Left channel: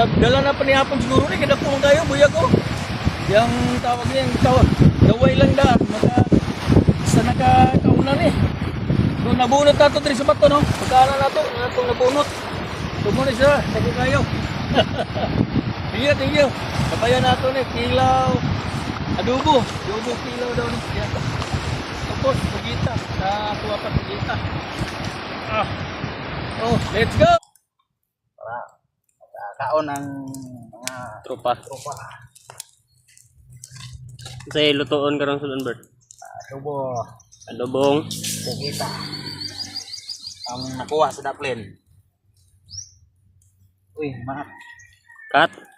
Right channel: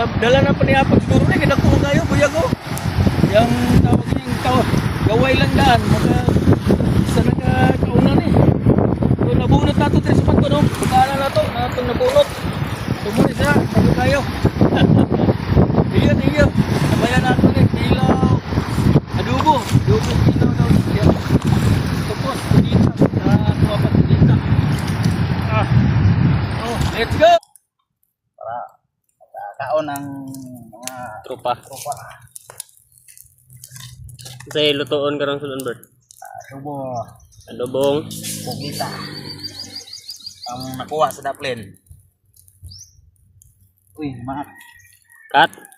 Dala na panihapon siguro na, kinakong tayo, buya ko. Yung tawag niya, yung tawag, gaway lang daan, sa nakakauna ni. So, nabunot na ito, Tris Mato, no? Magkala na ito, na itong nabunot. Tumunin siya, sabi kayo. Thank you. Nabayan na ito ni, kilaw, adobo kilaw daw. Yan. Tapos, pagita, sa mga pagita. Oh, let's go! Kaon ng mga Tropa. Say lutuon karong sulon Bert. Adobo, Adobong. pugita. Ang nakuha sa daplin. Uy, mga Cut.